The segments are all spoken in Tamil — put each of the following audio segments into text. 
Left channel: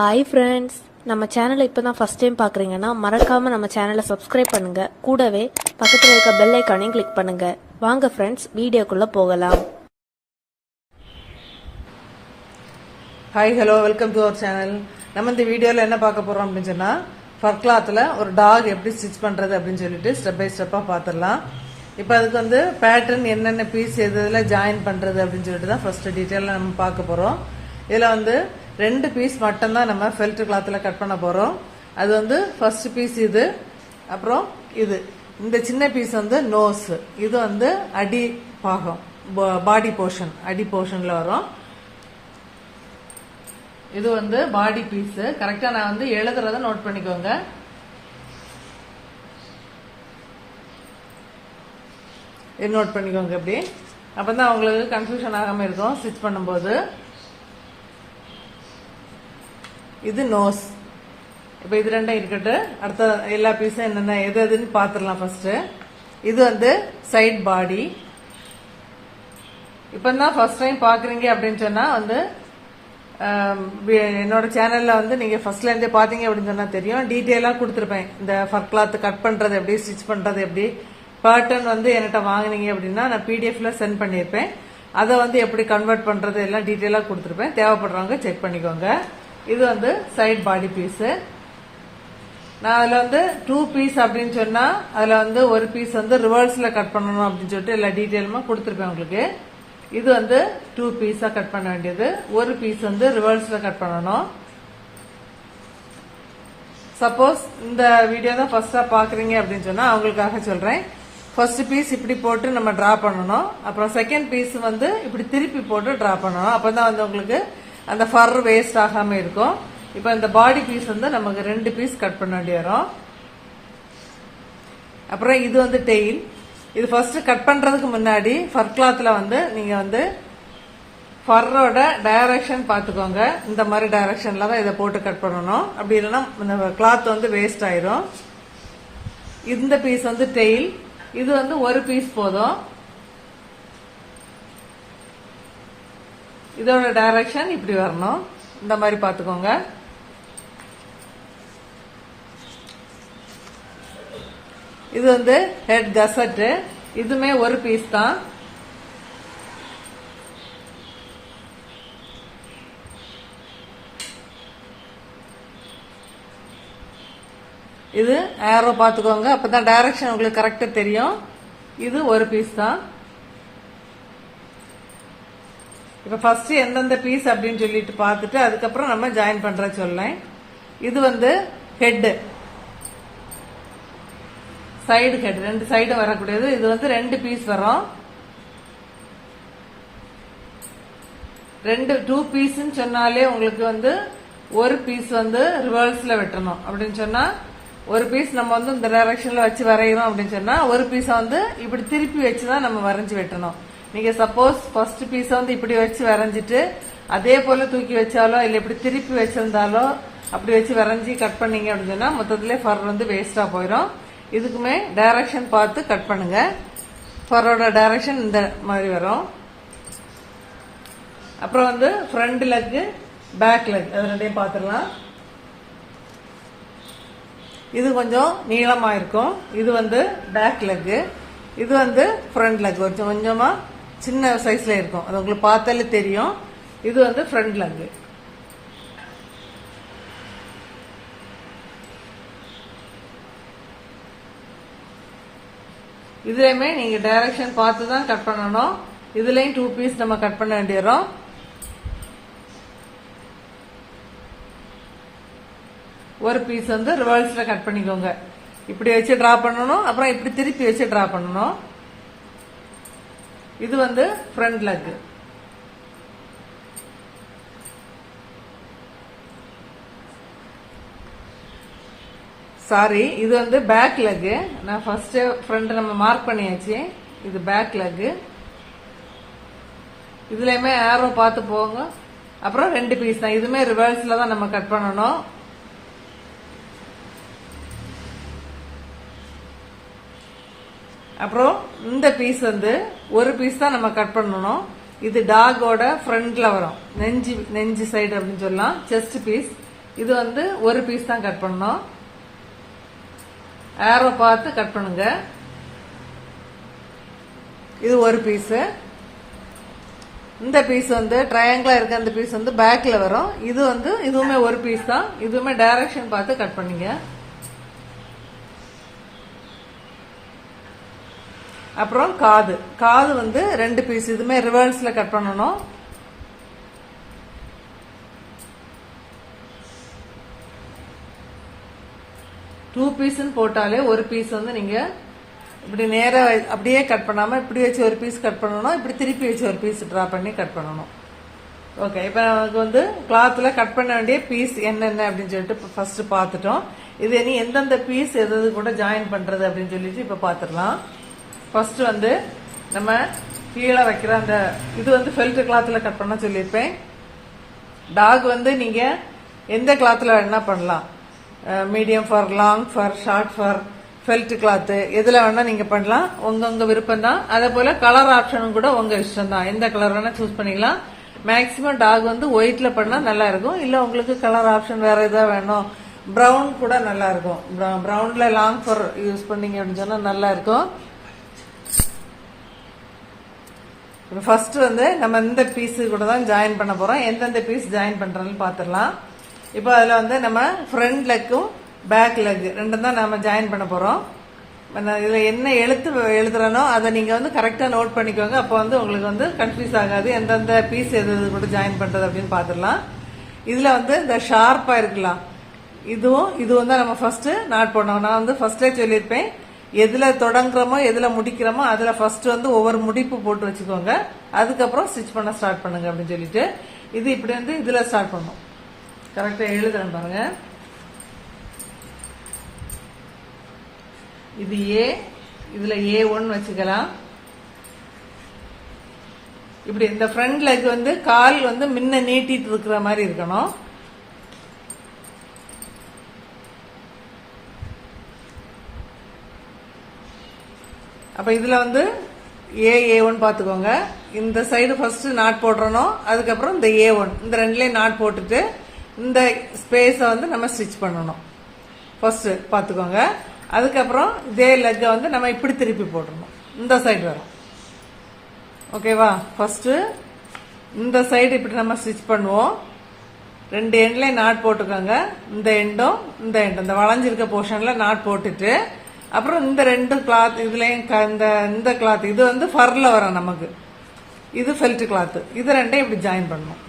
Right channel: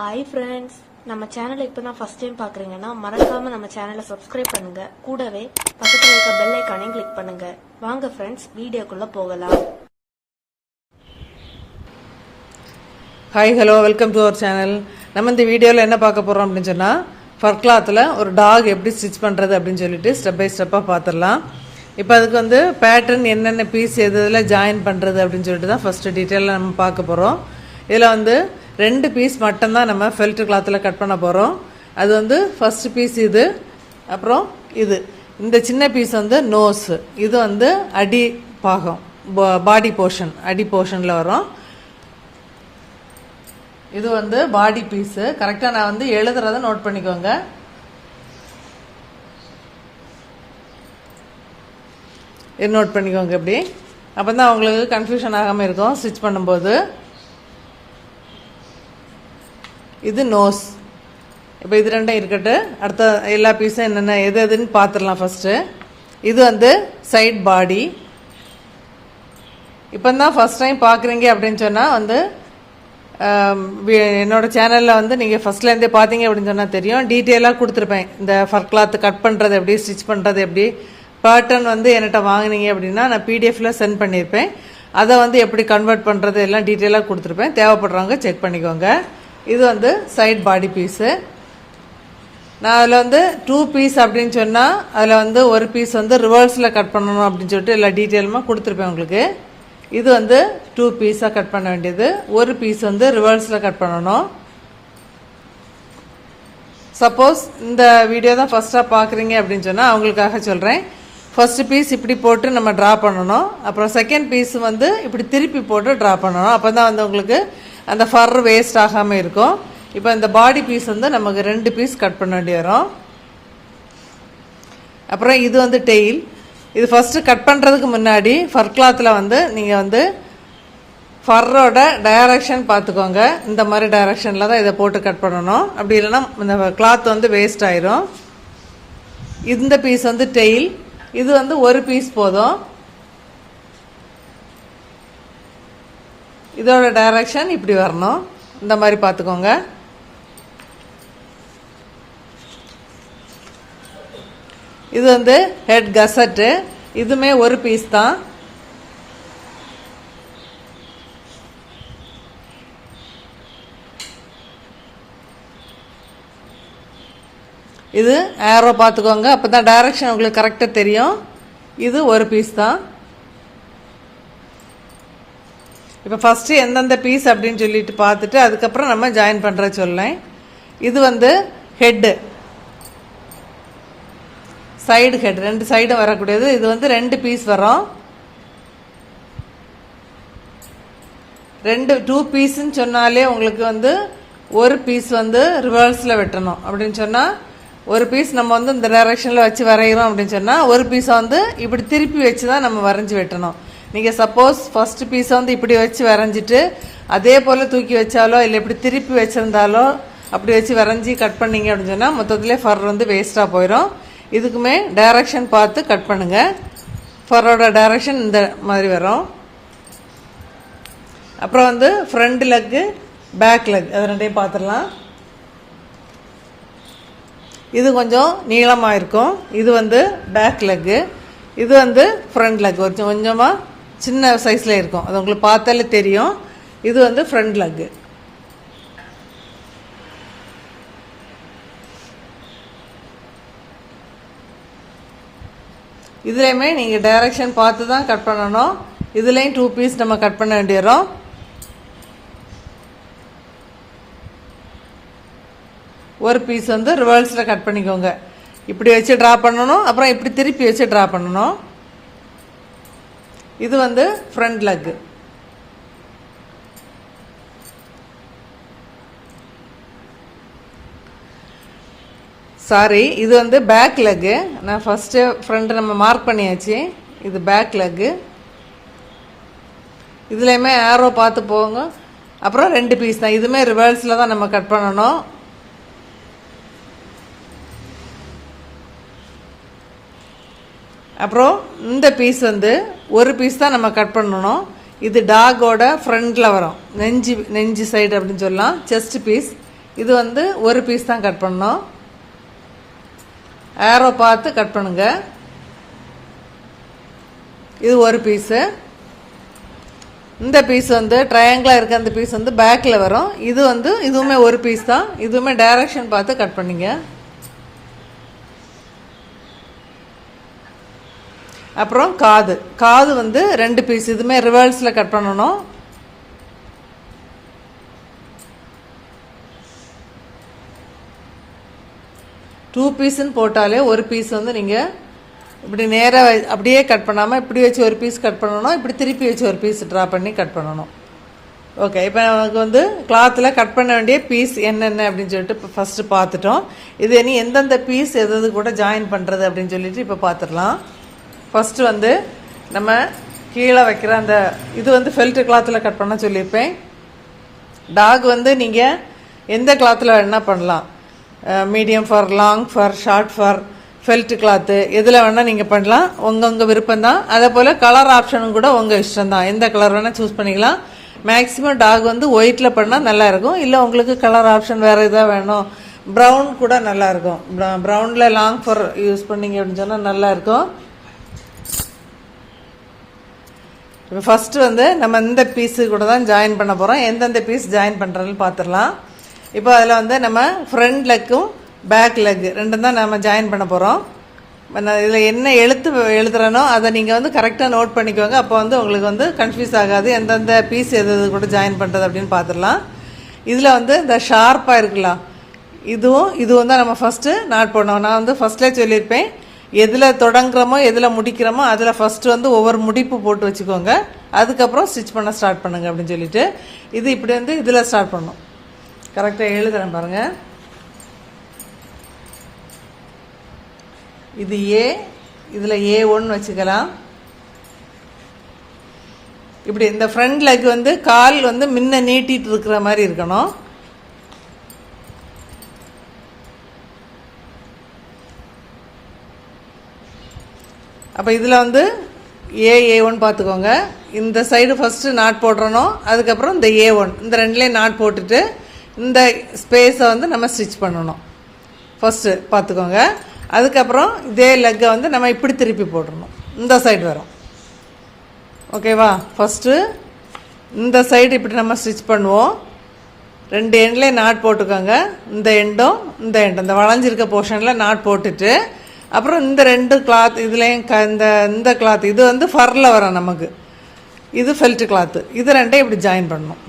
ஹாய் ஃப்ரெண்ட்ஸ், நம்ம சேனலை இப்போ தான் ஃபஸ்ட் டைம் பார்க்குறீங்கன்னா மறக்காமல் நம்ம சேனலை சப்ஸ்கிரைப் பண்ணுங்கள். கூடவே பக்கத்தில் இருக்க பெல் ஐக்கானையும் கிளிக் பண்ணுங்கள். வாங்க ஃப்ரெண்ட்ஸ், வீடியோக்குள்ளே போகலாம். Hi hello, welcome to our channel. நம்ம இந்த வீடியோவில் என்ன பார்க்க போகிறோம் அப்படின்னு சொன்னால், ஃபர் கிளாத்தில் ஒரு டாக் எப்படி ஸ்டிச் பண்ணுறது அப்படின்னு சொல்லிட்டு ஸ்டெப் பை ஸ்டெப்பாக பார்த்துடலாம். இப்போ அதுக்கு வந்து பேட்டர்ன் என்னென்ன பீஸ் எதில் ஜாயின் பண்ணுறது அப்படின்னு சொல்லிட்டு தான் ஃபஸ்ட்டு டீட்டெயிலாக நம்ம பார்க்க போகிறோம். இதில் வந்து 2 பீஸ் மட்டும்தான் நம்ம ஃபெல்ட் கிளாத்தில் கட் பண்ண போகிறோம். அது வந்து ஃபஸ்ட்டு பீஸ் இது, அப்புறம் இது. இந்த சின்ன பீஸ் வந்து நோஸ், இது வந்து அடி பாகம், பாடி போர்ஷன், அடி போர்ஷனில் வரும். இது வந்து பாடி பீஸு. கரெக்டாக நான் வந்து எழுதுறத நோட் பண்ணிக்கோங்க. இது நோட் பண்ணிக்கோங்க இப்படி. அப்போ தான் அவங்களுக்கு கன்ஃபியூஷன் ஆகாமல் இருக்கும் ஸ்டிச் பண்ணும்போது. இது நோஸ். இப்போ இது ரெண்டும் இருக்கட்டு. அடுத்த எல்லா பீஸும் என்னென்ன எது எதுன்னு பார்த்துடலாம் ஃபஸ்ட்டு. இது வந்து சைட் பாடி. இப்போ தான் ஃபஸ்ட் டைம் பார்க்குறீங்க அப்படின்னு சொன்னால் வந்து என்னோட சேனலில் வந்து நீங்கள் ஃபஸ்ட்லேருந்தே பார்த்தீங்க அப்படின்னு சொன்னால் தெரியும், டீட்டெயிலாக கொடுத்துருப்பேன். இந்த ஃபர் கிளாத் கட் பண்ணுறது எப்படி, ஸ்டிச் பண்ணுறது எப்படி, பேட்டர்ன் வந்து என்கிட்ட வாங்கினீங்க அப்படின்னா நான் பிடிஎஃப்பில் சென்ட் பண்ணியிருப்பேன். அதை வந்து எப்படி கன்வெர்ட் பண்ணுறது எல்லாம் டீட்டெயிலாக கொடுத்துருப்பேன். தேவைப்படுறவங்க செக் பண்ணிக்கோங்க. இது வந்து சைட் பாடி பீஸு. நான் அதில் வந்து 2 பீஸ் அப்படின்னு சொன்னால் அதில் வந்து ஒரு பீஸ் வந்து ரிவர்ஸில் கட் பண்ணணும் அப்படின்னு சொல்லிட்டு எல்லா டீட்டெயிலுமாக கொடுத்துருப்பேன் உங்களுக்கு. இது வந்து 2 பீஸாக கட் பண்ண வேண்டியது. ஒரு பீஸ் வந்து ரிவர்ஸில் கட் பண்ணணும். சப்போஸ் இந்த வீடியோ தான் ஃபஸ்ட்டாக பார்க்குறீங்க அப்படின்னு சொன்னால் அவங்களுக்காக சொல்கிறேன். ஃபஸ்ட்டு பீஸ் இப்படி போட்டு நம்ம ட்ரா பண்ணணும். அப்புறம் செகண்ட் பீஸ் வந்து இப்படி திருப்பி போட்டு ட்ரா பண்ணணும். அப்போ தான் வந்து உங்களுக்கு அந்த ஃபர் வேஸ்ட் ஆகாமல் இருக்கும். இப்போ இந்த பாடி பீஸ் வந்து நமக்கு 2 பீஸ் கட் பண்ண வேண்டி வரும். அப்புறம் இது வந்து டெயில். இது ஃபஸ்ட்டு கட் பண்ணுறதுக்கு முன்னாடி ஃபர் கிளாத்தில் வந்து நீங்கள் வந்து ஃபர்ரோட டைரக்ஷன் பார்த்துக்கோங்க. இந்த மாதிரி டைரக்ஷனில் தான் இதை போட்டு கட் பண்ணணும். அப்படி இல்லைன்னா இந்த கிளாத் வந்து வேஸ்ட் ஆயிரும். இந்த பீஸ் வந்து டெயில். இது வந்து ஒரு பீஸ் போதும். இதோட டைரக்ஷன் இப்படி வரணும். இந்த மாதிரி பார்த்துக்கோங்க. இது வந்து ஹெட் கசட்டு. இதுமே ஒரு பீஸ் தான். இது ஏரோ பார்த்துக்கோங்க. அப்போ தான் டைரக்ஷன் உங்களுக்கு கரெக்டாக தெரியும். இது ஒரு பீஸ் தான். இப்போ ஃபஸ்ட்டு எந்தெந்த பீஸ் அப்படின்னு சொல்லிட்டு பார்த்துட்டு அதுக்கப்புறம் நம்ம ஜாயின் பண்ணுற சொல்லேன். இது வந்து ஹெட்டு, சைடு ஹெட், 2 சைடும் வரக்கூடியது. இது வந்து 2 பீஸ் வரும். 2 பீஸ்ன்னு சொன்னாலே உங்களுக்கு வந்து ஒரு பீஸ் வந்து ரிவர்ஸில் வெட்டணும். அப்படின்னு சொன்னால் ஒரு பீஸ் நம்ம வந்து இந்த டைரக்ஷனில் வச்சு வரைகிறோம் அப்படின்னு சொன்னால் ஒரு பீஸை வந்து இப்படி திருப்பி வச்சு தான் நம்ம வரைஞ்சி வெட்டணும். நீங்கள் சப்போஸ் ஃபஸ்ட்டு பீஸை வந்து இப்படி வச்சு வரைஞ்சிட்டு அதே போல் தூக்கி வச்சாலோ இல்லை இப்படி திருப்பி வச்சுருந்தாலோ அப்படி வச்சு வரைஞ்சி கட் பண்ணிங்க அப்படின்னு சொன்னால் மொத்தத்திலே ஃபர் வந்து வேஸ்ட்டாக போயிடும். இதுக்குமே டைரக்ஷன் பார்த்து கட் பண்ணுங்கள். ஃபரோட டைரக்ஷன் இந்த மாதிரி வரும். அப்புறம் வந்து ஃப்ரண்ட் லெக்கு, பேக் லெக், அது ரெண்டையும் பார்த்துடலாம். இது கொஞ்சம் நீளமாக இருக்கும். இது வந்து பேக் லெக்கு. இது வந்து ஃப்ரண்ட் லெக். கொஞ்சமாக சின்ன சைஸில் இருக்கும். அது உங்களுக்கு பார்த்தாலே தெரியும். இது வந்து ஃப்ரண்ட் லெக்கு. இதுலேயுமே நீங்கள் டைரக்ஷன் பார்த்து தான் கட் பண்ணணும். இதுலேயும் 2 பீஸ் நம்ம கட் பண்ண வேண்டி வரும். ஒரு பீஸ் வந்து ரிவர்ஸில் கட் பண்ணிக்கோங்க. இப்படி வச்சு ட்ரா பண்ணணும். அப்புறம் இப்படி திருப்பி வச்சு ட்ரா பண்ணணும். இது வந்து ஃப்ரண்ட் லெக். சாரி, இது வந்து பேக் லெக்கு. நான் ஃபஸ்ட்டு ஃப்ரண்ட் நம்ம மார்க் பண்ணியாச்சு. இது பேக் லெக்கு. இதுலேயுமே ஆரோ பார்த்து போங்க. அப்புறம் 2 பீஸ் தான். இதுவுமே ரிவர்ஸில் தான் நம்ம கட் பண்ணணும். அப்புறம் இந்த பீஸ் வந்து ஒரு பீஸ் தான் நம்ம கட் பண்ணணும். இது டாகோட ஃப்ரண்ட்ல வரும், நெஞ்சு சைடு அப்படின்னு சொல்லலாம். செஸ்ட் பீஸ் இது வந்து ஒரு பீஸ் தான் கட் பண்ணணும். ஏரோ பார்த்து கட் பண்ணுங்க. இது ஒரு பீஸு. இந்த பீஸ் வந்து ட்ரையாங்கிளாக இருக்க அந்த பீஸ் வந்து பேக்கில் வரும். இது வந்து இதுவுமே ஒரு பீஸ் தான். இதுவுமே டைரக்ஷன் பார்த்து கட் பண்ணிங்க. அப்புறம் காது வந்து 2 பீஸ். இதுவுமே ரிவர்ஸில் கட் பண்ணணும். டூ பீஸ்ன்னு போட்டாலே ஒரு பீஸ் வந்து நீங்கள் இப்படி நேராக அப்படியே கட் பண்ணாமல் இப்படி வச்சு ஒரு பீஸ் கட் பண்ணணும். இப்படி திருப்பி வச்சு ஒரு பீஸ் ட்ரா பண்ணி கட் பண்ணணும். ஓகே, இப்போ நமக்கு வந்து கிளாத்தில் கட் பண்ண வேண்டிய பீஸ் என்னென்ன அப்படின்னு சொல்லிட்டு இப்போ ஃபஸ்ட்டு பார்த்துட்டோம். இது இனி எந்தெந்த பீஸ் எது கூட ஜாயின் பண்ணுறது அப்படின்னு சொல்லிட்டு இப்போ பார்த்துடலாம். ஃபஸ்ட்டு வந்து நம்ம கீழே வைக்கிற அந்த இது வந்து ஃபெல்ட் கிளாத்தில் கட் பண்ண சொல்லியிருப்பேன். டாக் வந்து நீங்கள் எந்த கிளாத்தில் வேணால் பண்ணலாம். Medium for, long for, short for, felt cloth எதில் வேணால் நீங்கள் பண்ணலாம். உங்கள் விருப்பம் தான். அதே போல் கலர் ஆப்ஷனும் கூட உங்கள் இஷ்டம் தான். எந்த கலர் வேணால் சூஸ் பண்ணிக்கலாம். மேக்ஸிமம் டாக் வந்து ஒயிட்டில் பண்ணால் நல்லாயிருக்கும். இல்லை உங்களுக்கு கலர் ஆப்ஷன் வேறு எதாவது வேணும், ப்ரௌன் கூட நல்லாயிருக்கும். ப்ரௌனில் லாங் ஃபார் யூஸ் பண்ணிங்க அப்படின்னு சொன்னால் நல்லாயிருக்கும். இப்போ ஃபஸ்ட்டு வந்து நம்ம இந்த பீஸு கூட தான் ஜாயின் பண்ண போகிறோம். எந்தெந்த பீஸ் ஜாயின் பண்ணுறதுன்னு பார்த்துடலாம். இப்போ அதில் வந்து நம்ம ஃப்ரண்ட் லெக்கும் பேக் லெக் ரெண்டும் தான் நம்ம ஜாயின் பண்ண போகிறோம். இதில் என்ன எழுதுறனோ அதை நீங்கள் வந்து கரெக்டாக நோட் பண்ணிக்கோங்க. அப்போ வந்து உங்களுக்கு வந்து கன்ஃபியூஸ் ஆகாது எந்தெந்த பீஸ் எது கூட ஜாயின் பண்ணுறது அப்படின்னு பார்த்துடலாம். இதில் வந்து இந்த ஷார்ப்பாக இருக்கலாம், இதுவும் தான் நம்ம ஃபஸ்ட்டு நாட் போடணும். நான் வந்து ஃபஸ்ட்லேயே சொல்லியிருப்பேன், எதில் தொடங்குறோமோ எதில் முடிக்கிறோமோ அதில் ஃபஸ்ட்டு வந்து ஒவ்வொரு முடிப்பு போட்டு வச்சுக்கோங்க. அதுக்கப்புறம் ஸ்டிச் பண்ண ஸ்டார்ட் பண்ணுங்க அப்படின்னு சொல்லிட்டு இது இப்படி வந்து இதில் ஸ்டார்ட் பண்ணணும். கரெக்டாக எழுதுறேன் பாருங்கள். இது ஏ, இதில் A1 வச்சுக்கலாம். இப்படி இந்த ஃப்ரண்ட் லெக் வந்து கால் வந்து முன்ன நீட்டிட்டு இருக்கிற மாதிரி இருக்கணும். அப்போ இதில் வந்து A1 பார்த்துக்கோங்க. இந்த சைடு ஃபஸ்ட்டு நாட் போடுறணும். அதுக்கப்புறம் இந்த A1 இந்த ரெண்டுலேயும் நாட் போட்டுட்டு இந்த ஸ்பேஸை வந்து நம்ம ஸ்டிச் பண்ணணும். ஃபஸ்ட்டு பார்த்துக்கோங்க. அதுக்கப்புறம் இதே லெக்கை வந்து நம்ம இப்படி திருப்பி போட்டுடணும். இந்த சைடு வரும். ஓகேவா? ஃபஸ்ட்டு இந்த சைடு இப்படி நம்ம ஸ்டிச் பண்ணுவோம். 2 எண்ட்லேயும் நாட் போட்டுக்கோங்க. இந்த எண்டும் இந்த எண்டும் இந்த வளைஞ்சிருக்க போர்ஷனில் நாட் போட்டுட்டு அப்புறம் இந்த 2 கிளாத் இதுலேயும் இந்த கிளாத் இது வந்து ஃபரில் வரும் நமக்கு. இது ஃபெல்ட் கிளாத்து. இது ரெண்டையும் இப்படி ஜாயின் பண்ணணும்.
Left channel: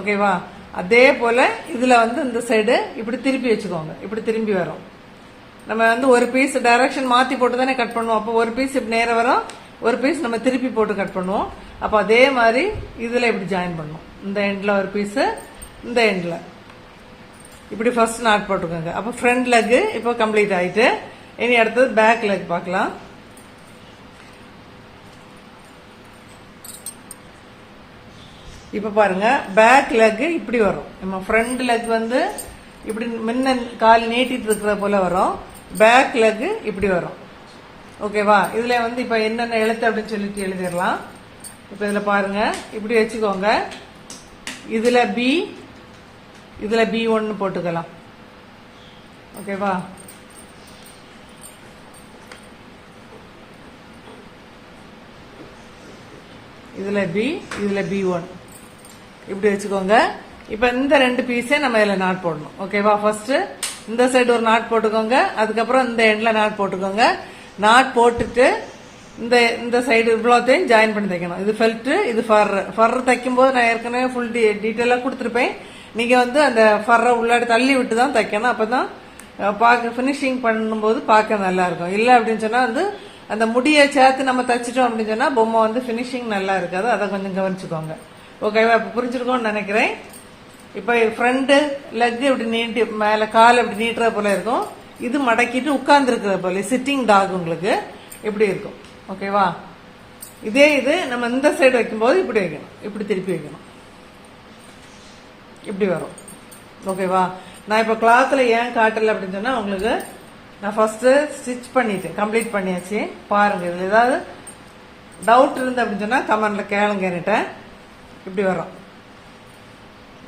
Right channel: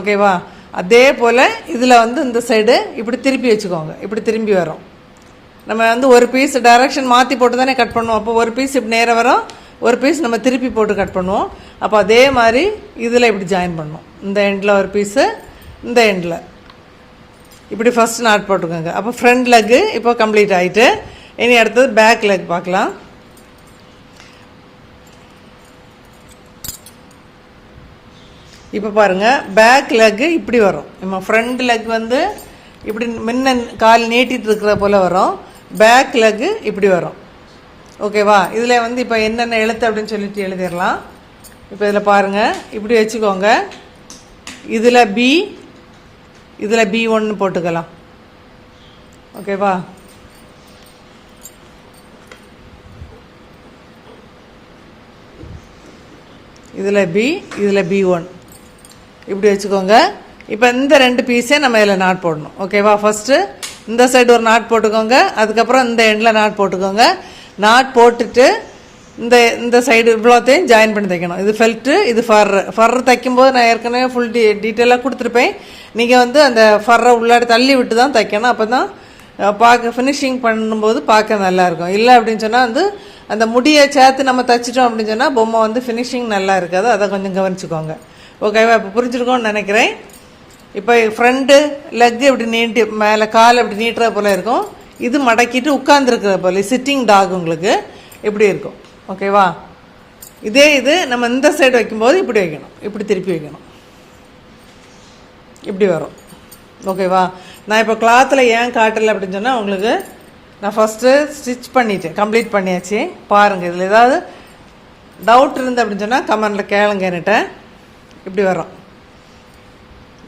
ஓகேவா? அதே போல் இதில் வந்து இந்த சைடு இப்படி திருப்பி வச்சுக்கோங்க. இப்படி திரும்பி வரும். நம்ம வந்து ஒரு பீஸ் டைரக்ஷன் மாற்றி போட்டு தானே கட் பண்ணுவோம். அப்போ ஒரு பீஸ் இப்படி நேராக வரும், ஒரு பீஸ் நம்ம திருப்பி போட்டு கட் பண்ணுவோம். அப்போ அதே மாதிரி இதில் இப்படி ஜாயின் பண்ணணும். இந்த எண்டில் ஒரு பீஸு, இந்த எண்டில் இப்படி ஃபஸ்ட் நாட் போட்டுக்கோங்க. அப்போ ஃப்ரண்ட் லெக்கு இப்போ கம்ப்ளீட் ஆகிட்டு இனி அடுத்தது பேக் லெக் பார்க்கலாம். இப்போ பாருங்கள், பேக் லெக்கு இப்படி வரும். நம்ம ஃப்ரண்ட் லெக் வந்து இப்படி முன்ன கால் நீட்டிட்டு இருக்கிற போல் வரும். பேக் லெக்கு இப்படி வரும். ஓகேவா? இதில் வந்து இப்போ என்னென்ன எழுத்து அப்படின்னு சொல்லிட்டு எழுதிடலாம். இப்போ இதில் பாருங்கள், இப்படி வச்சுக்கோங்க. இதில் B1 போட்டுக்கலாம். ஓகேவா? இதில் B, இதில் B1 இப்படி வச்சுக்கோங்க. இப்போ இந்த 2 பீஸே நம்ம இதில் நாட் போடணும். ஓகேவா? ஃபஸ்ட்டு இந்த சைடு ஒரு நாட் போட்டுக்கோங்க. அதுக்கப்புறம் இந்த எண்டில் நாட் போட்டுக்கோங்க. நாட் போட்டுட்டு இந்த சைடு இவ்வளோத்தையும் ஜாயின் பண்ணி தைக்கணும். இது ஃபெல்ட்டு, இது ஃபர்ரு தைக்கும்போது நான் ஏற்கனவே ஃபுல் டீட்டெயிலாக கொடுத்துருப்பேன். நீங்கள் வந்து அந்த ஃபர்ரை உள்ளாடி தள்ளி விட்டு தான் தைக்கணும். அப்போ தான் பார்க்க ஃபினிஷிங் பண்ணும்போது பார்க்க நல்லாயிருக்கும். இல்லை அப்படின்னு சொன்னால் வந்து அந்த முடியை சேர்த்து நம்ம தைச்சிட்டோம் அப்படின்னு சொன்னால் பொம்மை வந்து ஃபினிஷிங் நல்லா இருக்காது. அதை கொஞ்சம் கவனிச்சுக்கோங்க. ஓகேவா? இப்போ புரிஞ்சுருக்கோன்னு நினைக்கிறேன். இப்போ ஃப்ரண்ட்டு லெக் இப்படி நீட்டி மேலே கால் இப்படி நீட்டுற போல் இருக்கும். இது மடக்கிட்டு உட்காந்துருக்கிற போல் சிட்டிங் டாக் உங்களுக்கு இப்படி இருக்கும். ஓகேவா? இதே இது நம்ம இந்த சைடு வைக்கும்போது இப்படி வைக்கணும். இப்படி திருப்பி வைக்கணும். இப்படி வரும். ஓகேவா? நான் இப்போ கிளாத்தில் ஏன் காட்டலை அப்படின்னு சொன்னால் உங்களுக்கு நான் ஃபஸ்ட்டு ஸ்டிச் பண்ணிட்டேன், கம்ப்ளீட் பண்ணியாச்சு. பாருங்கள், இதில் ஏதாவது டவுட் இருந்து அப்படின்னு சொன்னால் கமெண்டில் கேளுங்க என்கிட்ட. இப்படி வரும்.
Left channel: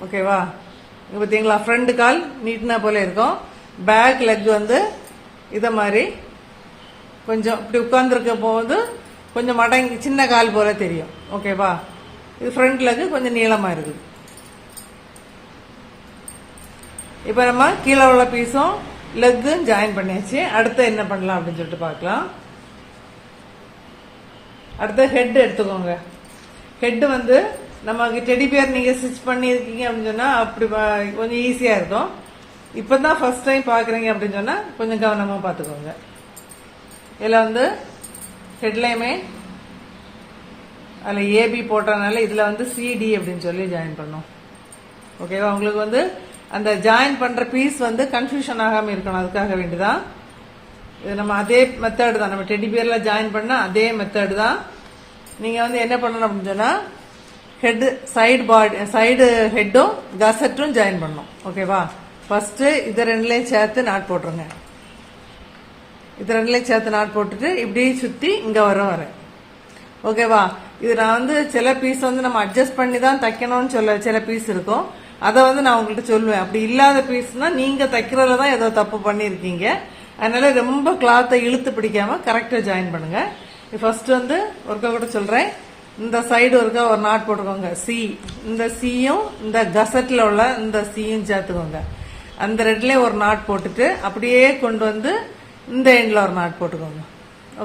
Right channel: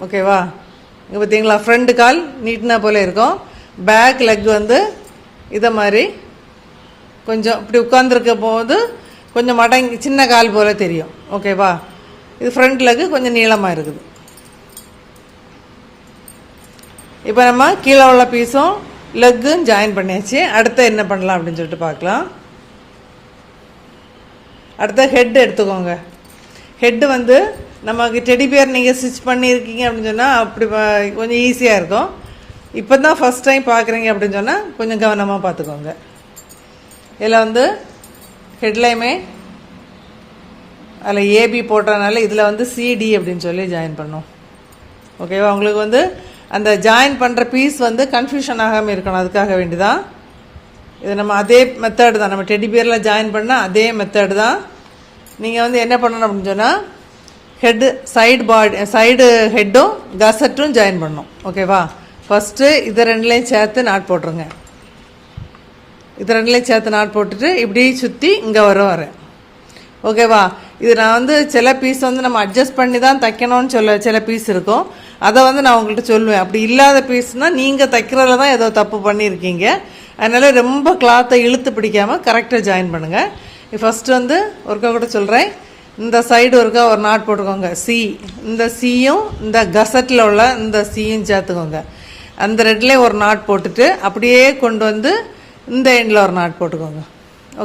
ஓகேவா? இங்கே பார்த்தீங்களா ஃப்ரண்ட் கால் நீட்டினா போல இருக்கும். பேக் லெக் வந்து இதை மாதிரி கொஞ்சம் இப்படி உட்காந்துருக்க போது கொஞ்சம் மடங்கி சின்ன கால் போல தெரியும். ஓகேவா? இது ஃப்ரண்ட் லெக்கு கொஞ்சம் நீளமாக இருக்குது. இப்போ நம்ம கீழே உள்ள பீஸும் லெக்கும் ஜாயின் பண்ணியாச்சு. அடுத்து என்ன பண்ணலாம் அப்படின்னு சொல்லிட்டு பார்க்கலாம். அடுத்த ஹெட் எடுத்துக்கோங்க. ஹெட்டு வந்து நமக்கு டெடி பியர் நீங்கள் ஸ்டிச் பண்ணியிருக்கீங்க அப்படின்னு சொன்னால் அப்படி கொஞ்சம் ஈஸியாக இருக்கும். இப்போ தான் ஃபஸ்ட் டைம் பார்க்குறீங்க அப்படின்னு சொன்னால் கொஞ்சம் கவனமாக பார்த்துக்கோங்க. இதில் வந்து ஹெட்லையுமே அதில் ஏபி போட்டதுனால இதில் வந்து சிடி அப்படின்னு சொல்லி ஜாயின் பண்ணோம். ஓகேவா? உங்களுக்கு வந்து அந்த ஜாயின் பண்ணுற பீஸ் வந்து கன்ஃபியூஷன் ஆகாமல் இருக்கணும். அதுக்காக வேண்டிதான் இது நம்ம அதே மெத்தடு தான். நம்ம டெடி பியரில் ஜாயின் பண்ணால் அதே மெத்தடு தான். நீங்கள் வந்து என்ன பண்ணணும் அப்படின்னு சொன்னால் ஹெட்டு சைடு ஹெட்டும் கசட்டும் ஜாயின் பண்ணணும். ஓகேவா? ஃபஸ்ட்டு இதை ரெண்டுலேயும் சேர்த்து நாட் போட்டுருங்க. இது ரெண்டுலேயும் சேர்த்து நாட் போட்டுட்டு இப்படி சுற்றி இங்கே வரேன். ஓகேவா? இது நான் வந்து சில பீஸ் வந்து நம்ம அட்ஜஸ்ட் பண்ணி தான் தைக்கணும்னு சொல்ல சில பீஸ் இருக்கும். அதை வந்து நான் உங்கள்கிட்ட சொல்லுவேன். அப்படி இல்லாத பீஸ்னால் நீங்கள் தைக்கிறதுல தான் ஏதோ தப்பு பண்ணியிருக்கீங்க. அதனால் ரொம்ப கிளாத்தை இழுத்து பிடிக்காமல் கரெக்டாக ஜாயின் பண்ணுங்கள். ஃபஸ்ட்டு வந்து ஒருக்கா கூட சொல்கிறேன். இந்த சைடு ஒருக்கா ஒரு நாட் போட்டுக்கோங்க. சி, இந்த சியும் இந்த கசட்டில் உள்ள இந்த சியும் சேர்த்துக்கோங்க. அந்த ரெட்லேயும் ஒரு நாட் போட்டுட்டு அப்படியே கொண்டு வந்து இந்த எண்டில் ஒரு நாட் போட்டுக்கோங்க.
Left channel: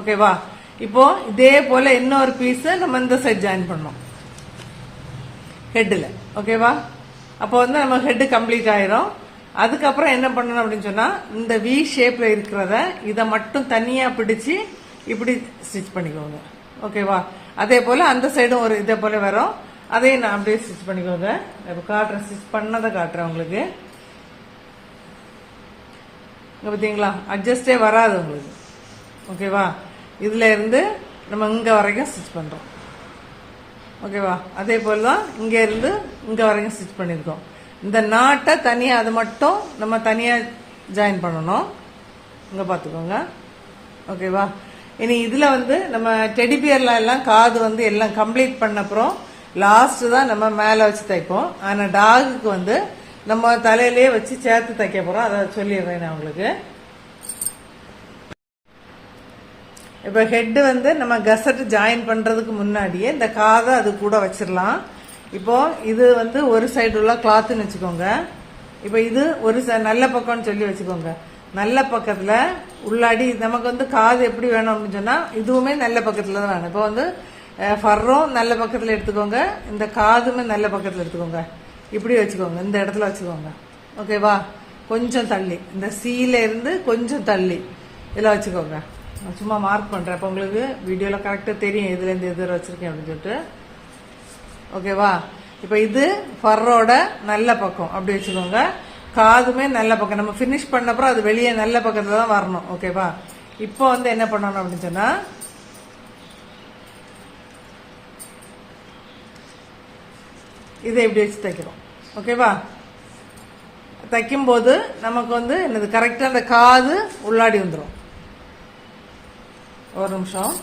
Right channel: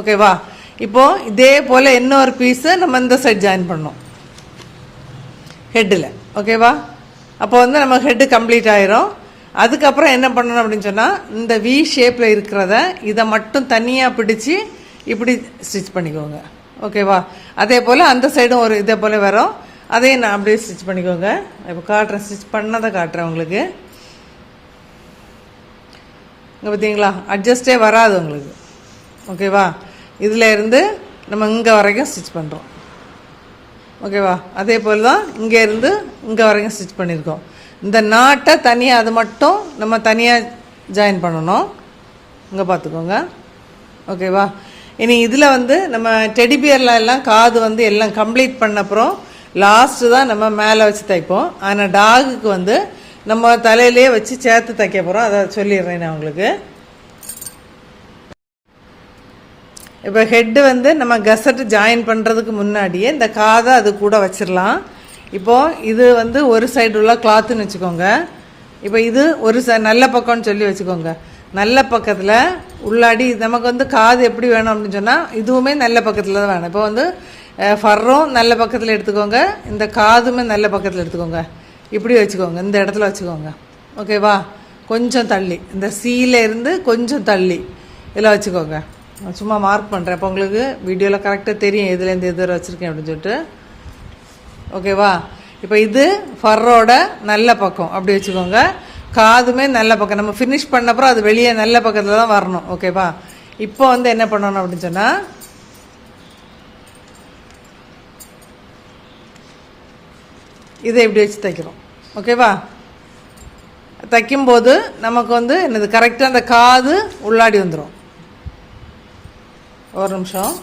ஓகேவா? இப்போது இதே போல் இன்னொரு பீஸை நம்ம இந்த சைட் ஜாயின் பண்ணோம் ஹெட்டில். ஓகேவா? அப்போ வந்து நம்ம ஹெட்டு கம்ப்ளீட் ஆயிரும். அதுக்கப்புறம் என்ன பண்ணணும் அப்படின்னு சொன்னால் இந்த வி ஷேப்பில் இருக்கிறத இதை மட்டும் தனியாக பிடிச்சி இப்படி ஸ்டிச் பண்ணிக்கோங்க. ஓகேவா? அதே போல் அந்த சைடும் ஒரு இதே போல் வரும். அதையும் நான் அப்படியே ஸ்டிச் பண்ணிக்கோங்க. இப்போ காட்டுறேன், ஸ்டிச் பண்ணதை காட்டுறேன் உங்களுக்கு. இங்கே பார்த்தீங்களா அட்ஜஸ்டே வராது உங்களுக்கு. ஓகேவா? இதில் இருந்து நம்ம இங்கே வரைக்கும் ஸ்டிச் பண்ணுறோம். ஓகேவா? அதே போல் தான் இங்கே இருந்து இங்கே வரைக்கும் ஸ்டிச் பண்ணியிருக்கோம். இந்த நாட்டை தனியாக அது மட்டும் நம்ம தனியாக ஜாயின் பண்ணணும். இங்கே பார்த்துக்கோங்க. ஓகேவா? இனி இதில் வந்து நம்ம டெடி பியர்ல எல்லாம் காது வந்து எல்லாம் கம்ப்ளீட் பண்ண அப்புறம் லாஸ்ட்டு தான் நம்ம மேலே வச்சு தைப்போம். ஆனால் டாகுக்கு வந்து நம்ம தலையிலே வச்சு சேர்த்து தைக்க போகிறோம். அதை சொல்லிடுறேன் நான் உங்களுக்கு. இப்போ ஹெட்டு வந்து நம்ம கசட்டு ஜாயின் பண்ணுறதுக்கு முன்னாடியே இந்த காதை அது கூட வச்சிடலாம். இப்போது இது வந்து ஒரு சைடு உள்ள கிளாத்துன்னு வச்சுக்கோங்க. இப்போ இது ஒரு நல்ல பக்கம்னு சொல்லி வச்சுக்கோங்க. நல்ல பக்கத்தில் உள்ளாடி நமக்கு வந்து காது எப்படி வேணும் அப்படின்னு சொன்னால் இதுவுமே நல்ல பக்கத்தில் தான் வேணும். இப்போ வந்து ஃபர்ரும் நல்ல பக்கத்தில் எடுத்துக்கோங்க. இந்த காதுமே நல்ல பக்கத்தில் எடுத்துக்கோங்க. இப்படி வச்சுக்கோங்க. இந்த இடத்துல வச்சுக்கோங்க. ஓகேவா? கொஞ்சம் தள்ளி இந்த சீல இருந்து கொஞ்சம் தள்ளி இதில் வச்சுக்கோங்க. நான் சும்மா மார்க் பண்ணுறேன். இப்போ உங்களுக்கு வீடியோவில் கரெக்டாக தெரியும் இதுலேருந்து இது வச்சுருக்கேன் அப்படின்னு சொல்லிட்டு. ஓகேவா? இப்போ இது ஃபர்ரோட நல்ல பக்கம் அப்படி வச்சுக்கோங்க. காதுமே நல்ல பக்கம். நம்ம ஃபினிஷ் பண்ணப்பறம் அது வெளியே நல்ல பக்கத்தில் தான் வரணும். ஓகேவா? இப்போ வந்து என்ன பண்ணணும் அப்படின்னு சொன்னால் இதை இப்படி வச்சு தைக்கிறோம். ஓகேவா? தைக்கும்போது நமக்கு வந்து என்னது கரெக்டாக அந்த காது உள்ளாடி வந்துடும். ஒரு நிமிஷம்.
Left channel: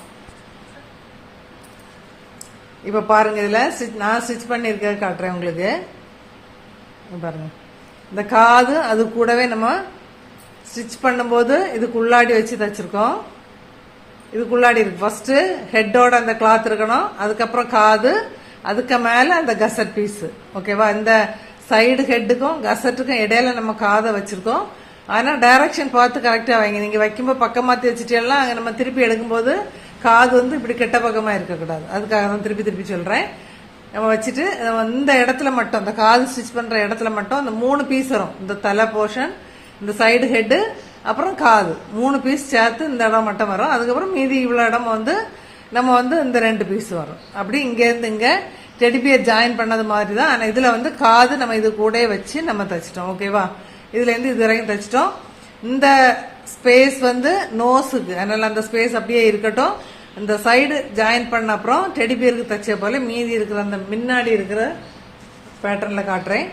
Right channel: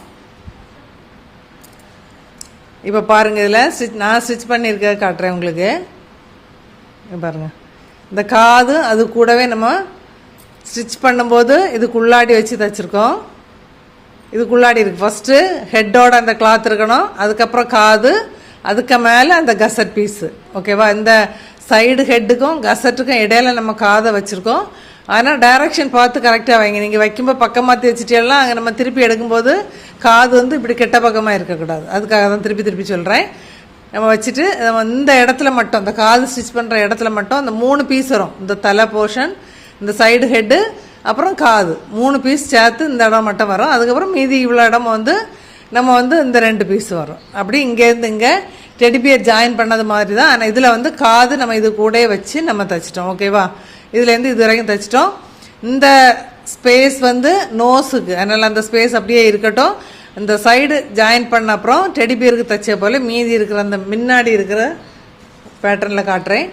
இப்போ பாருங்கள், இதில் நான் ஸ்டிச் பண்ணியிருக்க காட்டுறேன் உங்களுக்கு. பாருங்கள், இந்த காது அது கூடவே நம்ம ஸ்டிச் பண்ணும்போது இதுக்குள்ளாடி வச்சு தைச்சிருக்கோம். இதுக்குள்ளாடி இருக்கு. ஃபஸ்ட்டு ஹெட்டோட அந்த கிளாத் இருக்கணும், அதுக்கப்புறம் காது, அதுக்கு மேலே அந்த கசட் பீஸு. ஓகேவா? இந்த சைடு ஹெட்டுக்கும் கசட்டுக்கும் இடையில நம்ம காதை வச்சுருக்கோம். ஆனால் டைரக்ஷன் பார்த்து கரெக்டாக வைங்க. நீங்கள் வைக்கும்போது பக்கம் மாற்றி வச்சுட்டேலாம் அங்கே நம்ம திருப்பி எடுக்கும்போது காது வந்து இப்படி கெட்ட பக்கமாக இருக்கக்கூடாது. அதுக்காக தான் திருப்பி திருப்பி சொல்கிறேன். நம்ம வச்சுட்டு நம்ம இந்த இடத்துல மட்டும், இந்த காது ஸ்டிச் பண்ணுற இடத்துல மட்டும் அந்த 3 பீஸ் வரும். இந்த தலை போர்ஷன், இந்த சைடு ஹெட்டு, அப்புறம் காது, 3 பீஸ் சேர்த்து இந்த இடம் மட்டும் வரும். அதுக்கப்புறம் மீதி இவ்வளோ இடம் வந்து நம்ம வந்து இந்த 2 பீஸ் வரும். அப்படி இங்கேருந்து இங்கே டெடிபியர் ஜாயின் பண்ணது மாதிரி தான். ஆனால் இதில் வந்து காது நம்ம இது கூட வச்சு நம்ம தைச்சிட்டோம். ஓகேவா? இதுலேருந்து இது வரைக்கும் தைச்சிட்டோம். இந்த ஸ்பேஸ் வந்து நோஸுக்கு, அதனால் அந்த ஸ்பேஸ் அப்படியே இருக்கட்டும். இந்த சைடு ஜாயின் பண்ண அப்புறம் டெடிபியருக்கு தைச்ச போல் மீதி இருக்கிற அந்த முன்னாடி இருக்கிற பேட்டர்னில் காட்டுறேன்.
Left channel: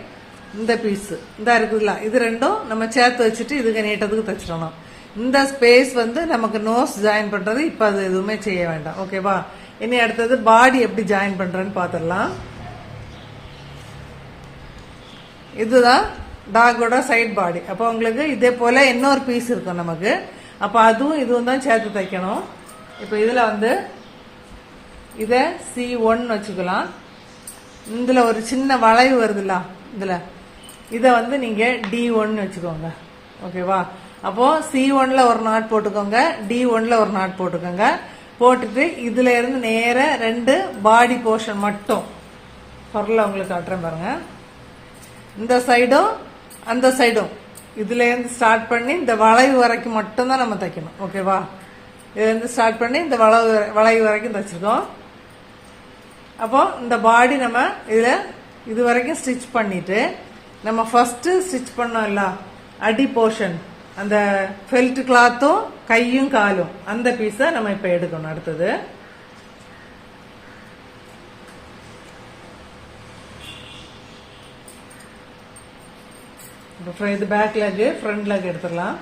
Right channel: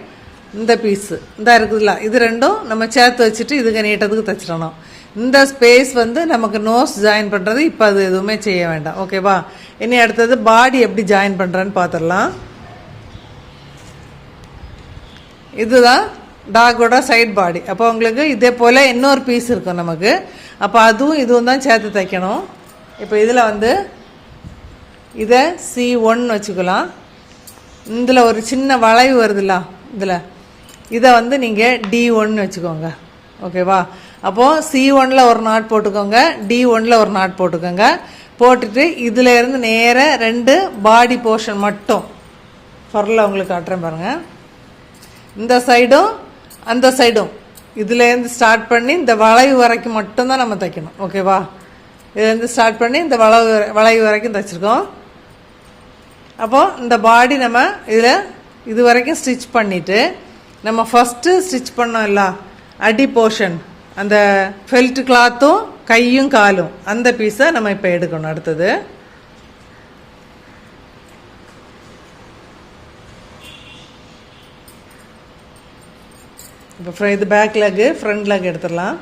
இந்த பீஸு இந்த இருக்குதுல்ல, இது ரெண்டும் நம்ம சேர்த்து வச்சுட்டு இதுக்கு நீட்டத்துக்கு தைச்சிடணும். இந்த ஸ்பேஸ் வந்து நமக்கு நோஸ் ஜாயின் பண்ணுறது இப்போ அது எதுவுமே செய்ய வேண்டாம். ஓகேவா? இனி அடுத்தது பாடி எப்படி ஜாயின் பண்ணுறேன்னு பார்த்துடலாம். இதுதான் டாகோட சைட் பாடி. அப்போ உங்களுக்கு இதே போல் இன்னொரு பீஸ் இருக்கும் நமக்கு. அப்போ அதுவும் இதுவும் தான் சேர்த்து தைக்கணும். இப்போ இதில் வந்து இதை C1 வச்சுக்கலாம். இதில் ஒரு சின்ன வளைவு வருதுல்ல, இதில் இதை வந்து நீங்கள் D1 வச்சுக்கோங்க. ஓகேவா? அப்போது C1ல் ஒரு நாட் போட்டுக்கோங்க, D1ல் ஒரு நாட் போட்டுக்கோங்க. போட்டுட்டு இதில் இருந்து நேராக 2 பாடி போர்ஷன் மட்டும் ஃபர்ல உங்களுக்கு காட்டுறேன் பாருங்கள். இந்த சைடும் அந்த சைடும் இதுலேருந்து ஸ்டார்ட் பண்ணி இந்த வளைவு வரைக்கும் மட்டும்தான் நம்ம தைக்கணும். ஓகேவா? இதுலேருந்து ஸ்டார்ட் பண்ணி இந்த வளைவு வரைக்கும் தைச்சிருக்கோம். அப்போது இந்த பாடி நம்ம இதில் இது வரைக்கும் ஸ்டிச் பண்ணிவிட்டு நம்ம ஃபஸ்ட்டு ஸ்டிச் பண்ணோம்ல அடி போர்ஷன், அந்த ஃபெல்ட் கிளாத்தும் கையும் காலும், அந்த பீஸை நம்ம இப்போ எடுக்கணும். அடுத்தது இப்போ இது பேக் லெக்கு, ஃப்ரண்ட் லெக் எடுத்துடலாம்.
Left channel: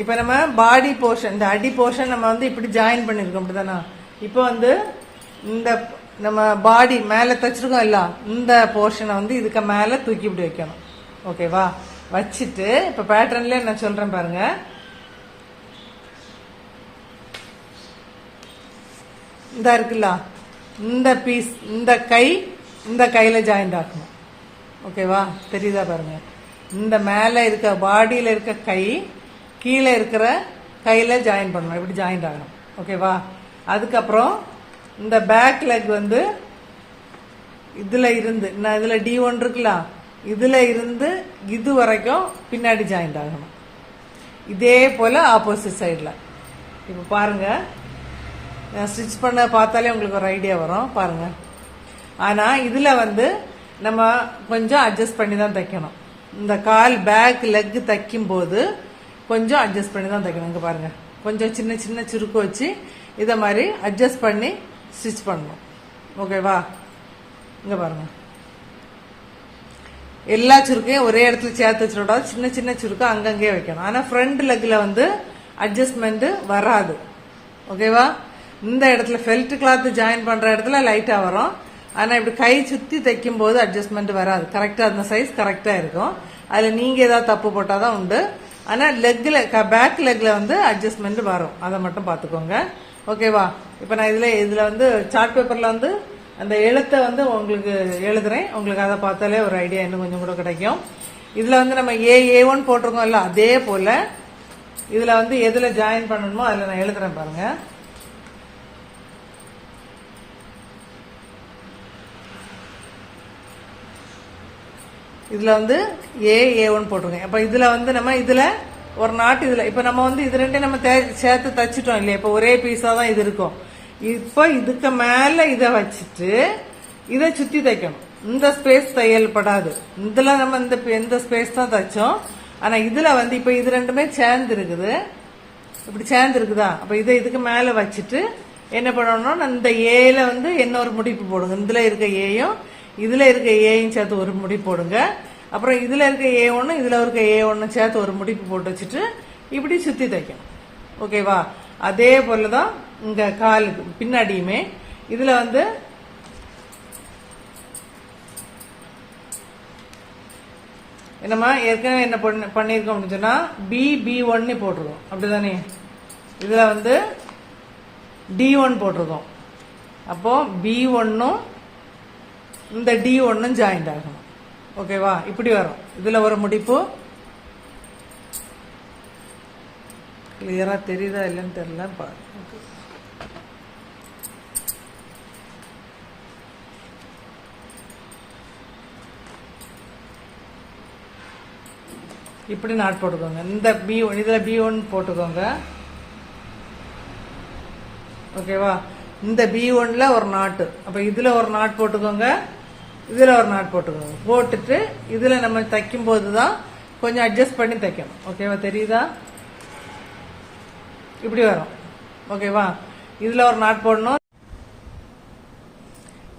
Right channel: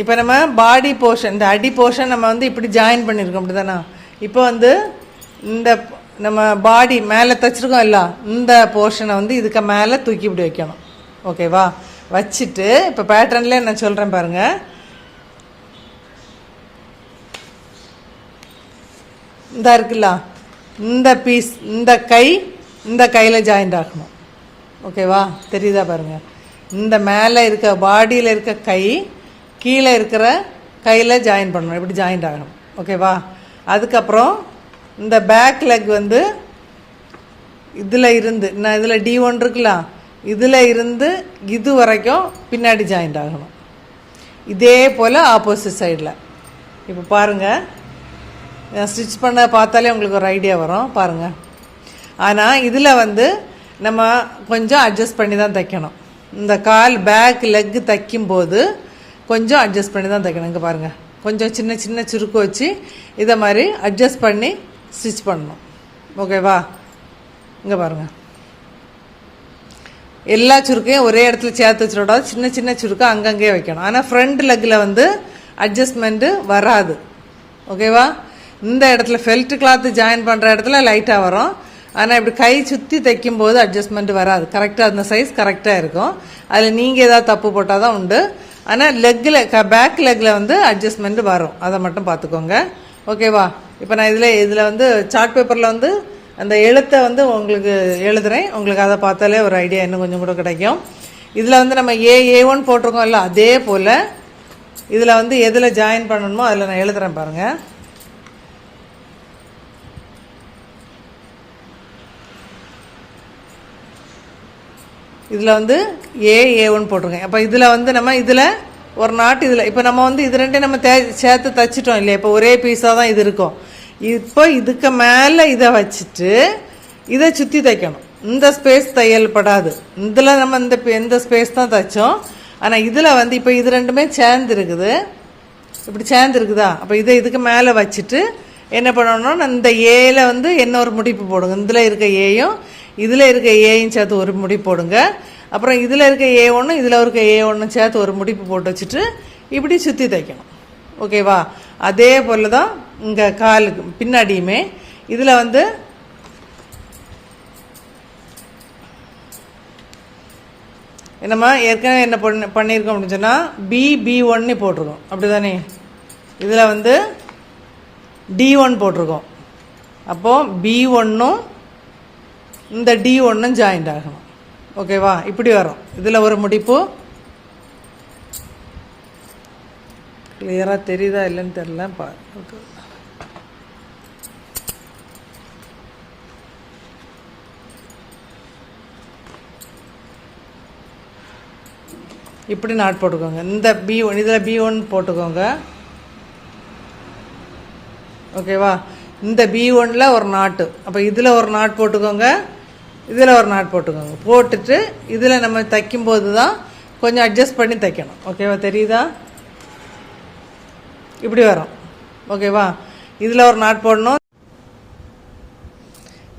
இப்போ நம்ம பாடி போர்ஷன், இந்த அடி போர்ஷன் நம்ம வந்து இப்படி ஜாயின் பண்ணியிருக்கோம், அப்படி தானே? இப்போ வந்து இந்த நம்ம பாடி மேலே தைச்சிருக்கோம் இல்லை, இந்த போர்ஷனை வந்து இதுக்கு மேலே தூக்கி இப்படி வைக்கணும். ஓகேவா? வச்சுட்டு இப்போ பேட்டர்ன்லேயே நான் சொல்கிறேன் பாருங்கள். இந்த இருக்குல்ல, இந்த பீஸ், இந்த கையில் ஜாயிண்ட் ஆகணும். ஓகேவா? தெரியுதா பாருங்கள்? இந்த மேலே இருக்க பாடியில் இருக்க கை கீழே இருக்கிற கையில் ஜாயின் பண்ணணும், இப்படி ஜாயிண்ட் ஆகணும். ஓகேவா? அதுக்கப்புறம் இந்த பேக் லெக் வந்து இதில் இருந்து, நான் இதில் D1 இருக்குல்ல, இதில் இருந்து இது வரைக்கும் பின்னாடி ஜாயிண்ட் ஆகணும். இதே போல் ஆப்போசிட் சைடில். இப்போ பாருங்கள், ஸ்டிச் பண்ண பார்த்தாலே உங்களுக்கு ஒரு ஐடியா வரும் பாருங்கள். ஆனால் இதில் வந்து நம்ம கொஞ்சம் அட்ஜஸ்ட் பண்ணி தான் தைக்கணும். இந்த கால் பேக் லெக் தைக்கும்போது கொஞ்சம் அட்ஜஸ்ட் பண்ணி தான் தைக்கணும். இங்கே பாருங்கள், கொஞ்சம் சின்ன சின்ன சுருக்கு வச்சு இதை மாதிரி அட்ஜஸ்ட் பண்ணி ஸ்டிச் பண்ணணும். ஓகேவா? இங்கே பாருங்கள், எல்லா சுருக்கையும் ஒரே இடத்துல சேர்த்து வச்சுக்கூடாது, சின்ன சின்ன சுருக்கை அங்கங்கே வைக்கணும். ஆனால் ஃப்ரண்ட் லெக்கில் வந்து அட்ஜஸ்ட்மெண்ட்டு வராது. ஓகேவா? இந்த இடத்துல ஃபெல்ட் கிளாத்து ஜாயின் பண்ணுற இடத்துல லைட்டாக வரும். ஆனால் இப்படி கை சுற்றி தைக்கும்போது அட்ஜஸ்ட்மெண்ட் வராது. கரெக்டாக அந்த சைஸ் கரெக்டாக இருக்கும். அதில் நீங்கள் ஏதாவது தப்பு போட்டால் தான் உண்டு. ஆனால் லெக்கில் பேக் லெக்கில் வந்து அட்ஜஸ்ட்மெண்ட் வரும், அதை மட்டும் பார்த்துக்கோங்க. ஓகேவா? இப்போ நான் இதில் வந்து சார்ட் பேப்பரில் வந்து அந்த எழுத்தை வந்து உங்களுக்கு எழுதுகிறேன். உங்களுக்கு அதை பார்த்தாலே ஒரு ஐடியா இன்னும் கொஞ்சம் கூட கிடைக்கும். இதில் வந்து நம்ம A1 போட்டிருக்கோம்ல, அதே போல் இதில் வந்து எதில் ஜாயின் பண்ணணுமோ அதில் நான் எழுதுகிறேன் பாருங்கள். இதில் வந்து A1 போட்டிருக்கேன். அப்போ இதில் வந்து நம்ம இதில் ஒரு நாட்டு இதில் இப்போ நம்ம வந்து இது ரெண்டையும் நம்ம சேர்த்து தைச்சிட்டோம் இல்லையா? இப்போ ஒரே பீஸாக தான் இது இருக்கும். இப்போ இதுக்கு மேலே இதை வச்சுட்டு இதை சுற்றி தைக்கணும். இந்த ஸ்பேஸ் தையல்படாது. இதில் நம்ம இந்த ஸ்பேஸ் தான் தைச்சோம். ஆனால் இதில் வந்து இப்போ இது ரெண்டுமே சேர்ந்து இருக்குது, இப்படி சேர்ந்து இருக்குதா? அப்போ இதை இதுக்கு மேலே வச்சுட்டு என்ன பண்ணணும்னா இந்த ஏல வந்து என்ன ஒரு முடிப்பு போடுங்க. இதில் இருக்க ஏயும் இதில் இருக்க ஏயும் சேர்த்து ஒரு முடிப்பு போடுங்க. அப்புறம் இதில் இருக்க A1 இதில் இருக்க A1 சேர்த்து ஒரு முடிப்பு போட்டு வச்சுட்டு இப்படி சுற்றி தைக்கணும். ஓகேவா? அதே போல் தான் இங்கே காலுக்கு பின்னாடியுமே இதில் வந்து என்னம்மா ஏற்கனவே என்ன பண்ணியிருக்கோம் அப்படின்னு சொன்னால் B1 போட்டிருக்கோம், அப்படி தானே? இதில் வந்து D1 போட்டிருக்கோம். அப்போது B1ம் இந்த D1ம் ஜாயிண்ட் ஆகணும். ஓகேவா? இப்படி வரும். இதில் ஒரு முடிப்பு கிளியராக தெரியுதா இல்லைன்னு தெரியல. இப்படி நாட் போட்டுக்கோங்க. இந்த B1 இதில் B1 போட்டுக்கோங்க. ஓகேவா? இந்த B1ல ஒரு நாட்டு, அப்போ இதில் ஒரு நாட் போட்டுக்கோங்க, இதில் ஒரு நாட் போட்டுக்கோங்க. போட்டுட்டு இதில் நம்ம தைக்கும்போது தான் கொஞ்சம் அட்ஜஸ்ட் பண்ணி தைக்கணும். ஓகேவா? தெரியுதா? இப்படி வரும். ஓகேவா? இதில் ஒரு நாட் போடணும்.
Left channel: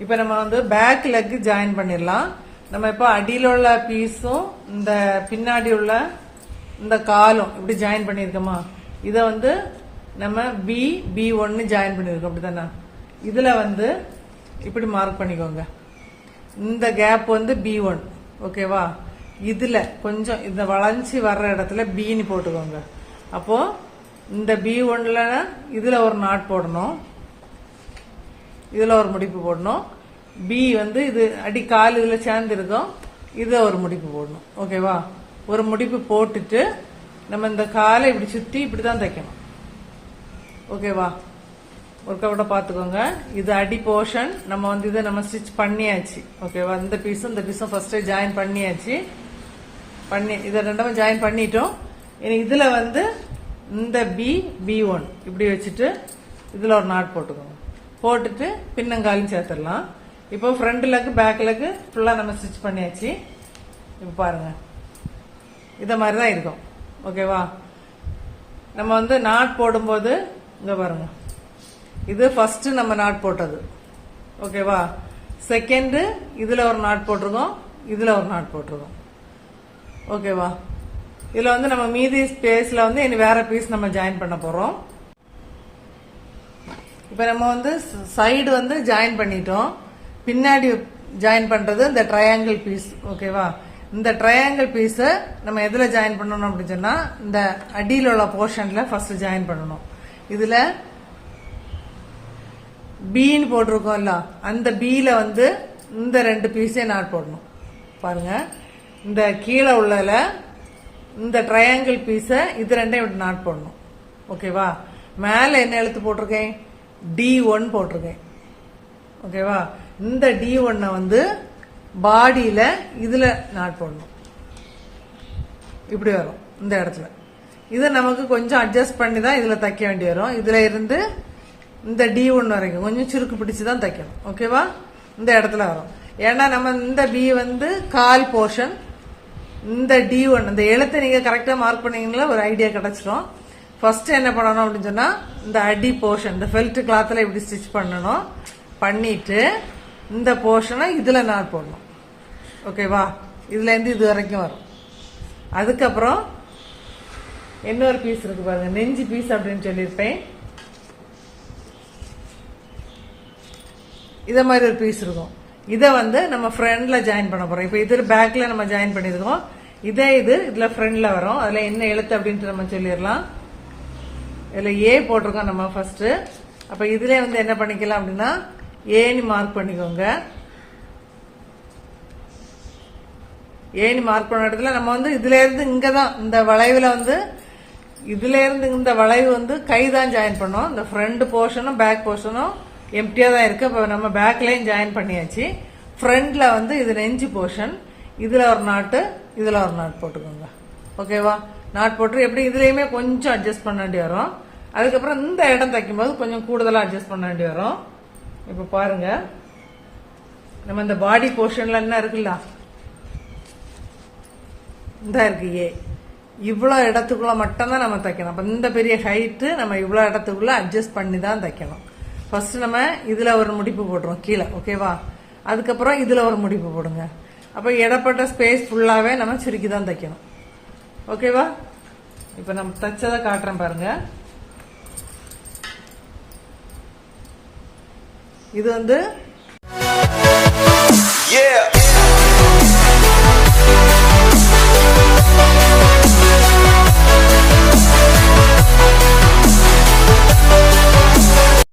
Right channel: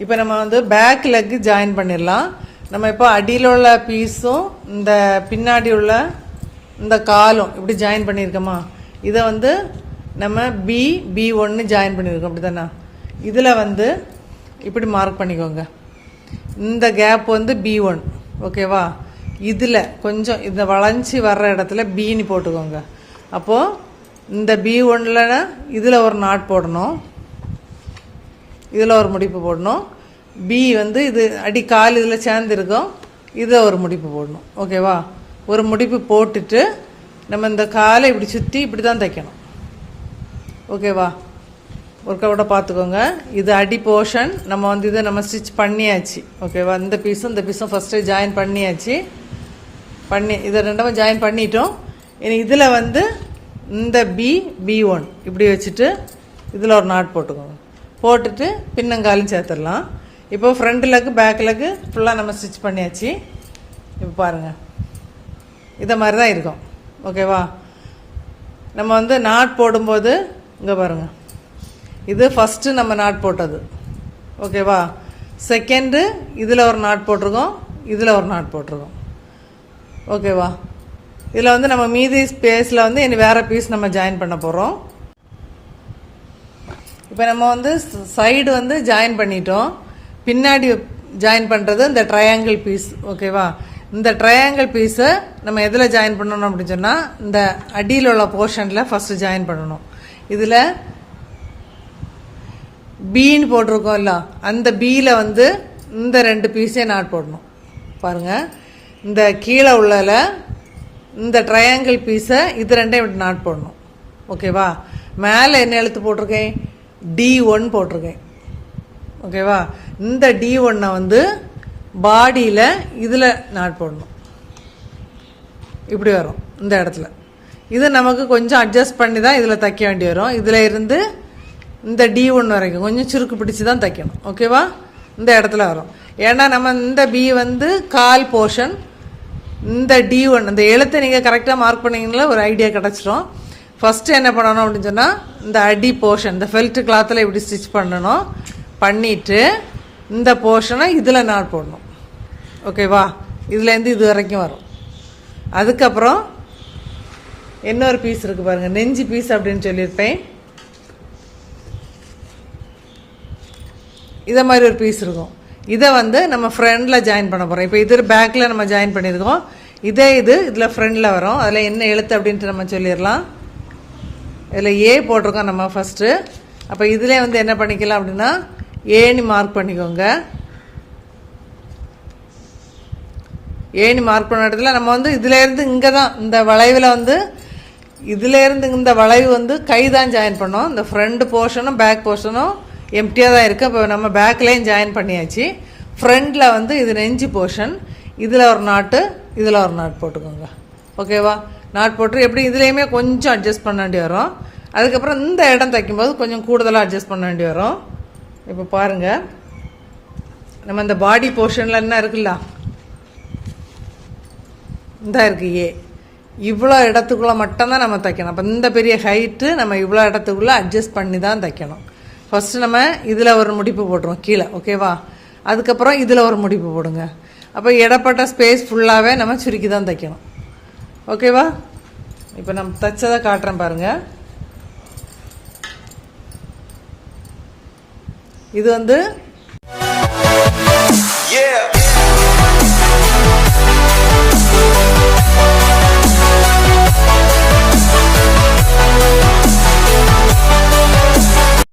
இப்போ நம்ம வந்து பேக் லெக் ஜாயின் பண்ணிடலாம். நம்ம இப்போ அடியில் உள்ள பீஸும் இந்த பின்னாடி உள்ள இந்த காலும் இப்படி ஜாயின் பண்ணியிருக்கோமா? இதை வந்து நம்ம B1 ஜாயின் பண்ணியிருக்கோம், அப்படி தானே? இதில் வந்து இப்படி மார்க் பண்ணிக்கோங்க. இந்த கேப் வந்து B1. ஓகேவா? இதில் கொஞ்சம் இந்த வளைஞ்சி வர்ற இடத்துல பின்னு போட்டுக்கோங்க. அப்போது இந்த B1ல இதில் ஒரு நாட் போடணும், இதில் ஒரு முடிப்பு போடணும். பி வந்து இது அடி கால் இதில் சேர்ந்துருக்கோம், இதில் ஒரு முடிப்பு போடணும். ஓகேவா? ஒரு முடிப்பு போட்டுட்டு நம்ம இந்த காலை இப்படி சுற்றி இப்படி தான் தைக்கணும். ஓகேவா? ஒர்க்கவுட்டை பார்த்துக்கோங்க. இது அடி போர்ஷன். நம்ம வந்து இதை நம்ம ஸ்டிச் பண்ணியாச்சு. ஓகேவா? இந்த பீஸும் ஃபஸ்ட்டு ஜாயின் பண்ணியாச்சு. இதை ரெண்டும் ஜாயின் பண்ணிட்டோம். இனி இதில் வந்து இந்த B1 இப்படி வச்சுட்டு இதில் ஒரு நாட் போட்டுக்கோங்க. போட்டுட்டு பின்னங்காலும் சேர்த்துடலாம். இப்போ ஃப்ரண்ட் லெக்கு பேக் லெக்கு ஃபுல்லாக நம்ம ஸ்டிச் பண்ணியாச்சு. இப்போ பாருங்கள், இதை மாதிரி தான் இருக்கும். ஓகேவா? நம்ம வந்து நாட் போடும்போது இங்கே பாருங்கள், இது ஃபஸ்ட்டு நம்ம நாட் போட்டது. ஓகேவா? செகண்டு இதில் ஒரு நாட் போட்டிருக்கோம், இதில் ஒரு நாட் போட்டிருக்கோம். ஓகேவா? இதில் வந்து நம்ம மீதி ஸ்பேஸில் வந்து இனி வேறு பீஸ் நம்ம ஜாயின் பண்ண போகிறோம். இப்போ நம்ம வந்து சைடு வந்து ஜாயின் பண்ணிட்டோம். பின்னாடி ஜாயின் பண்ணுறது இந்த ட்ரையாங்கிள் பீஸ். ஓகேவா? இந்த ட்ரையாங்கிள் பீஸை நம்ம எதில் ஜாயின் பண்ணணும் அப்படின்னு சொன்னால் இந்த அடியில் உள்ள போர்ஷனில் ஃபஸ்ட்டு ஜாயின் பண்ணணும். இதில் பீன்னு போட்டிருக்கோம்ல, அந்த பியில் வந்து இந்த 2 பீஸே நாட் போடணும். பாருங்கள், இந்த கீழே உள்ளதில் இந்த ட்ரையாங்கிள் பீஸை இது 2 இப்படி நாட் போடணும். ஓகேவா? மேலே என்ன எழுத்து போட்டிருக்கேன்? D1 போட்டிருக்கேன். ஓகேவா? இந்த D1 வந்து பாடியில் இதில் நாட் போடணும். இப்படி வரும் இந்த இடத்துல. இது நமக்கு கொஞ்சம் அட்ஜஸ்ட் பண்ணி தான் இதில் தைக்க வேண்டி வரும். இதில் இருந்து இந்த D1 வரைக்கும் கொஞ்சம் சுருக்கு பிடிச்சி தான் தைக்கணும். ஓகேவா? இந்த இடத்துல வரும். ஏன்னா நம்ம இந்த B வந்து கால் போர்ஷன், இந்த D1 இந்த எழுத்தை நீங்கள் கரெக்டாக மார்க் பண்ணிங்கன்னா ஒரு ஐடியா கிடச்சிரும். ஃபஸ்ட்டு என்ன பண்ணணும் அப்படின்னு சொன்னால் இந்த அடி போர்ஷன் இந்த ஃபெல்ட் கிளாத்தில் இப்படி ஸ்டிச் பண்ணணும். பண்ணிவிட்டு இந்த போர்ஷனை இதில் நாட் போடணும். ஓகேவா? இதுலேருந்து இது வரைக்கும் வரும். அதுக்கப்புறம் இன்னொரு பீஸ் இருக்குது பாருங்கள், நெஞ்சு பீஸ் அப்படின்னு சொல்லியிருப்பேன். இதை மாதிரி ஒரு பீஸ் இருக்கும். இதை வந்து நம்ம ஃப்ரண்டில் ஜாயின் பண்ண போகிறோம். இப்போ இது பேக்கில் நம்ம ஜாயின் பண்ணியிருக்கோம். இதில் ஃப்ரண்டில் வரும். அதில் என்ன எழுத்து அப்படின்ட்டு நம்ம சொல்லிடலாம். இதில் ஏ போட்டிருக்கோம் நம்ம ஃபஸ்ட்டு. அப்போ இதிலே வந்து என்ன பண்ணிக்கலாம் அப்படின்னா ஏன்னு மார்க் பண்ணிக்கோங்க. ஏன்னு மார்க் பண்ண இடத்துல நம்ம வந்து இதுலேருந்து இங்கே தான் இந்த வளைவில் வந்து இதுலேருந்து இந்த வளைவு வந்து கை தான் ஜாயின் பண்ணோம். இந்த ஃப்ரண்ட் போர்ஷனும் பேக் போர்ஷனும் எம்டியாக தான் இருக்குது. இப்போ நம்ம பேக்லேயும் ஜாயின் பண்ணியாச்சு. ஃப்ரண்டில் வந்து இது நெஞ்சு போர்ஷன், இதில் ஒரு நாட்டு இதில் ஒரு நாட் போட்டுக்கோங்க. ஓகேவா? நாட் போட்டு எப்படி இதுலேயுமே கொஞ்சம் அட்ஜஸ்ட் பண்ண வேண்டி வரும். அதுக்கப்புறம் இந்த இடம் தைக்கும்போது கொஞ்சம் கூடுதலாக அட்ஜஸ்ட் பண்ண வேண்டி வரும். இப்போ பாருங்கள், நம்ம இந்த பாடி போர்ஷனில் என்ன இருக்குல்ல, இந்த இருக்கு ஏ, இவ்வளோ இடத்துக்குள்ளே மட்டும்தான் நம்ம தைக்கணும். அப்போ இந்த பெரிய ஹைட்டு நம்ம இவ்வளோ இடத்துக்குள்ளே அட்ஜஸ்ட் பண்ணி தான் தைக்கணும். ஃபஸ்ட்டு நம்ம இதில் ஒரு முடிப்பு போட்டுருவோம் கீழே. ஓகேவா? அதுக்கப்புறம் இதில் ஒரு முடிப்பு போடுங்க. அப்போ இடப்பட்ட ஸ்பேஸ் ஃபுல்லாகவே நம்ம சுருக்கி தான் தைக்கணும். ஓகேவா? இப்போ நம்ம தைச்சதை காட்டுறேன் பாருங்கள். இது வந்து